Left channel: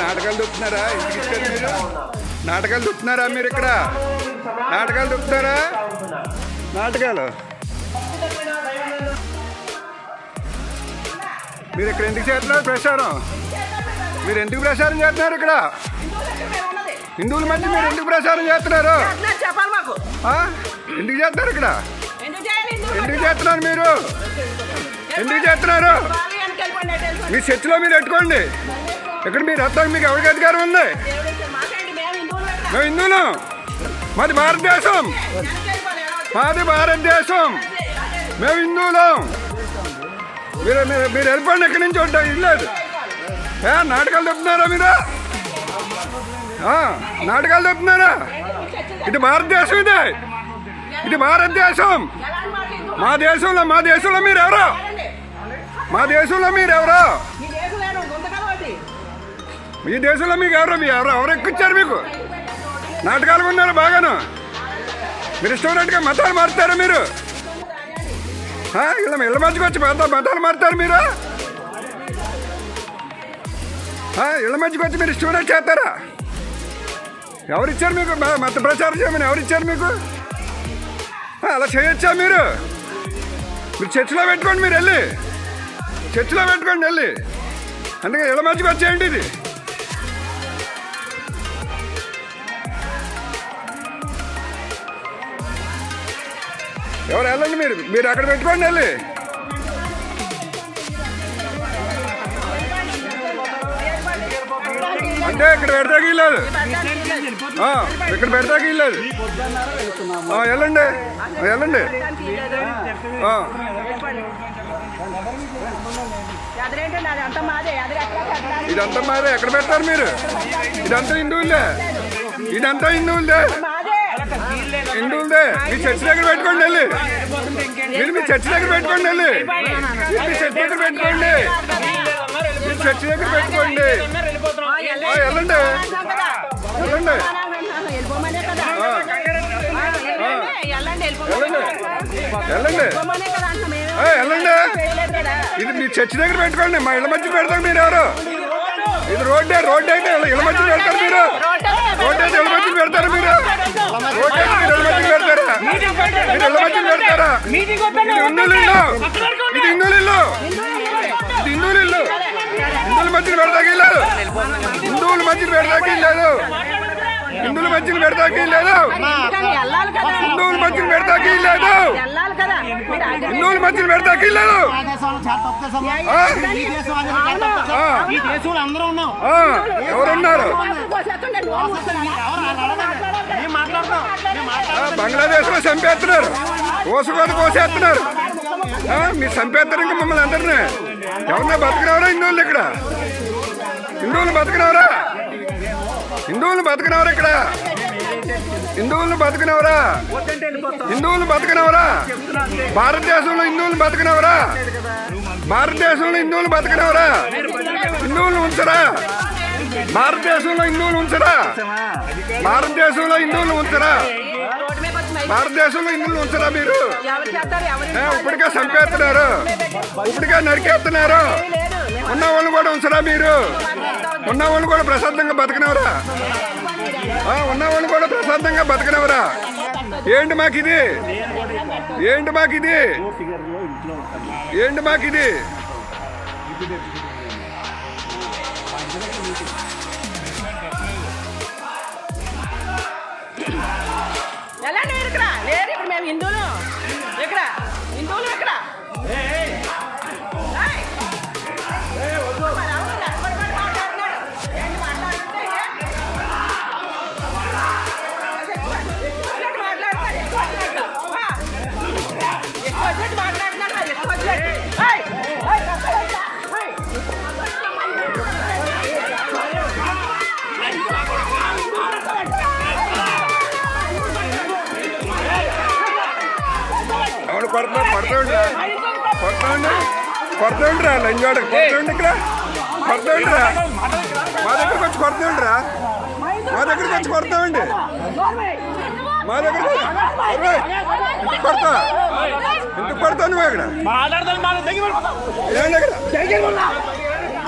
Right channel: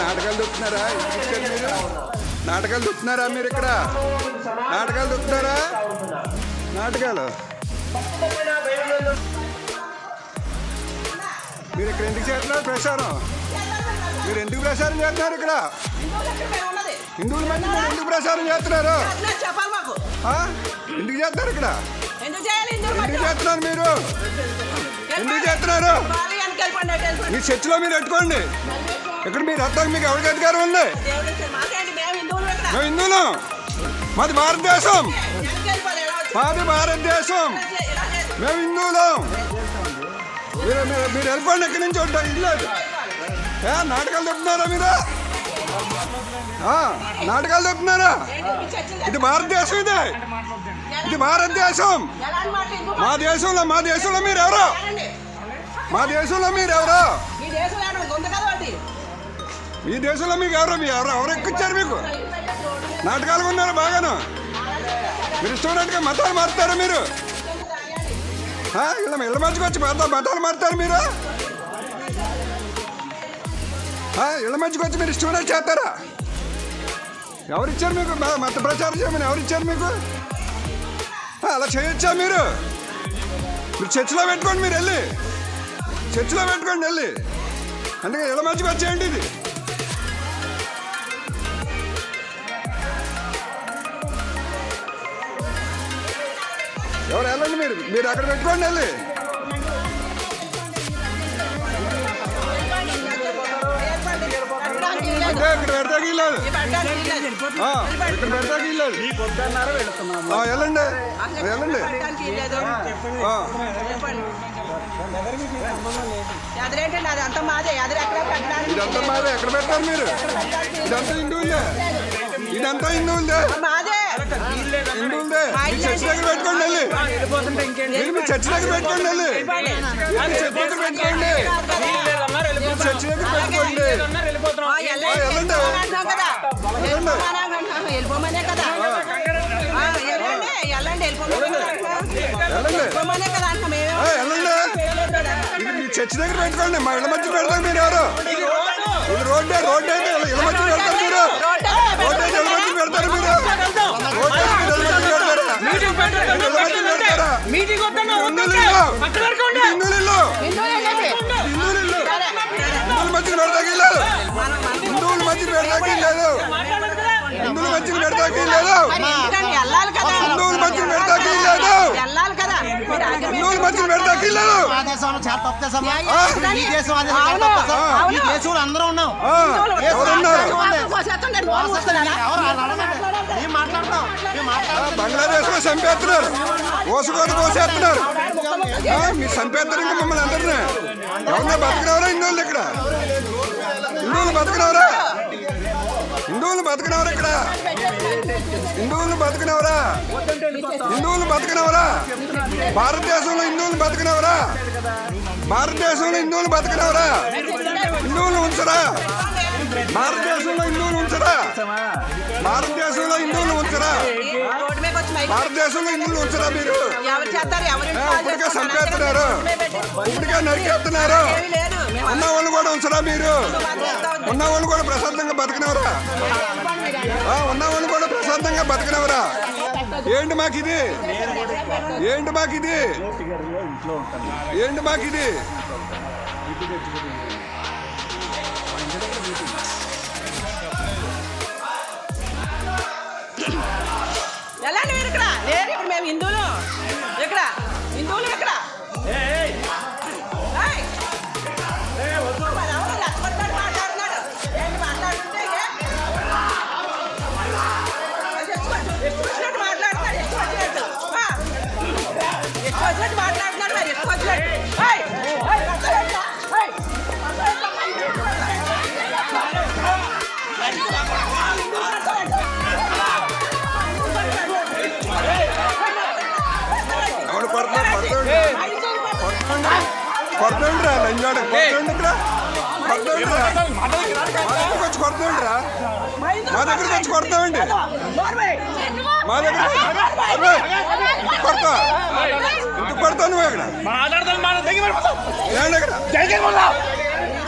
నాటకాలు దుక్కుతున్నారా? ఇంటికి ఇచ్చారు మీరు? నాటకాలు దుక్కుతున్నారా మీరు? ఇక్కడ నాటకాలు దుక్కుతారా? నాటకాలు మీరు ఇక్కడ ఎందుకు చేస్తున్నారు ప్రచారం? మీరు ఎందుకు ప్రచారం చేస్తున్నారు? ఇక్కడ హిందువుల మధ్య మీరు ఎందుకు ప్రచారం చేస్తున్నారు? ఎందుకు చేస్తున్నారు? ఇక్కడ ఎందుకు చేస్తున్నారు? మీరు ఎందుకు చేస్తున్నారు? మీ చర్చిలో మీరు పెట్టుకోండి. ఇక్కడ మీరు వస్తాక మీకు ఎవరికి అధికారం ఉంది? మేము హిందువులం. మాది భారతదేశం. మాది భారతదేశం. మేము హిందువులం. మీరు మీరు వెళ్ళిపోండి. ఎక్కడి నుంచి ఉంటాయి ఇల్లేదు. నాటకాలు చెప్తున్నారా మీరు? నాటకాలు చెప్తున్నారా? ఇది భారతదేశం. ఇది భారతదేశం. మా దేశంలో మీరు ఎవరు? మా దేశంలో మీరు ఎవరు? మీ దేశంలో మీకు ఎవరు? ఎవరు ఎక్కిచ్చారు మీకు? నాటకాలు ఉన్నారు బాగాను. మీరు ఇష్టమైనట్టుగా మతాలు మారుతారా మీరు? ఇళ్ళ మధ్యకి వచ్చి మతాలు మారుతారు మీరు? ఇళ్ళ మధ్యకి వచ్చి మీరు ఇష్టమైనట్టు చేస్తారా? ఎవరిచ్చారు మీకు మత ప్రచారం చేయమని? ఎవరిచ్చారు మీకు? అలా చేయొచ్చా మీరు? మీరు చర్చిలో పెట్టుకోండి. మీరు వెళ్ళి చర్చిలో పెట్టుకోండి వెళ్ళి. అందుకే ఇళ్ళ మధ్యకి వచ్చేయండి. ఇది ఎవరు వెళ్ళండి. మీరు అక్కడ పెట్టుకోండి వెళ్ళి. అంటే ఇక్కడ పెడతాకి లేదు. ఇక్కడ పెడతాకి లేదు. వెళ్ళండి వెళ్ళండి. ఇదంతా మాదే. ఎక్కడ పెడతారు మీరు? ఇదంతా హిందువులదే. ఇదంతా హిందువులదే. హిందువులదే. మీ చర్చి దగ్గర పెట్టుకోండి వెళ్ళి. మీరు మీ చర్చి దగ్గర పెట్టుకోండి వెళ్ళి. మీ చర్చి దగ్గర పెట్టుకోండి. మీ చర్చి దగ్గర పెట్టుకోండి. వెళ్ళండి వెళ్ళండి. ఇది మీ చర్చి దగ్గర పెట్టుకోండి. మా ఇళ్ళ మధ్య పెడతారు మీరు ఎవరు? ఇది రోడ్డు అయితే ఇళ్ళ మధ్య పెడతారు మీరు. రోడ్డు అయితే ఇళ్ళ మధ్య పెడతారు మీరు. రోడ్డు అయితే మీరు ఇళ్ళ మధ్య పెడతారా? మీరు ఇళ్ళ మధ్య పెడతారా? ఇది హిందువుల ఇల్లు. ఇది హిందువుల ఇల్లు. ఇది హిందువుల ఇల్లు. హిందువుల మధ్య పెడతాకి లేదు. హిందువుల మధ్య పెడతాకి లేదు. హిందువుల మధ్యన పెడతాకి లేదు. హిందువుల మధ్యన పెడతాకి లేదు. హిందువుల మధ్యన పెడతాకి లేదు. ఎవరున్నారు? బంగ్లాదేశ్ లో చంపేస్తున్నారు. కోసుకోత కోసేస్తున్నారు. మీరు చంపేస్తారు ఇంకా మమ్మల్ని అందరినీ. ఎవరన్నా బతకనవరా హిందువులు? ఇక్కడ హిందువులు బతకనవరా? హిందువులు బతకనవరా? ఇక్కడ హిందువులను బతకనవరా? హిందువులు బతకనవరా? భారతదేశంలో హిందువులు బతకనవరా? భారతదేశంలో హిందువులు బతకనవరా? హిందువులు ఉంచరా? భారతదేశంలో హిందువులు ఉంచరా? భారతదేశంలో హిందువులు ఉంచరా? భారతదేశంలో హిందువులు ఉంచరా? మీరు ఇప్పటికే చంపేస్తున్నారు. ఇప్పటికే నరికేస్తున్నారు. ఉన్న వాళ్ళు కూడా ఉంచరా? మీరు ఉన్న వాళ్ళు కూడా ప్రశాంతంగా బతకనవరా? ఉన్న వాళ్ళు కూడా ప్రశాంతంగా బతకనవరా? ఏంటి మాకిది? ఏంటి మాకిది? ఏంటి మాకిది? ఎలా లేరు ఇక్కడ? లేరు ఇప్పుడు. మేము హిందువులు. ఎక్కడ హిందువులు? ఎక్కడ మాట్లాడుతున్నాడు? ఏంటి మాట్లాడుతుంటే ఎక్కువ వచ్చినట్టు మాట్లాడుతున్నాడు. మరి ఎక్కువ వచ్చినట్టు ఎవడు కొడతాండి కొడతాండిరా? లంజోడ కొడతాండి. ఇక్కడ కొడతాండిరా. మా దగ్గరకు వచ్చి కొడతాండిరా. మా దగ్గరకు వచ్చి కొడతామండి. మా దగ్గర కొడతా. ఎందుకు కొడతావు నువ్వు? ఇక్కడ ఏంటి? ఇక్కడ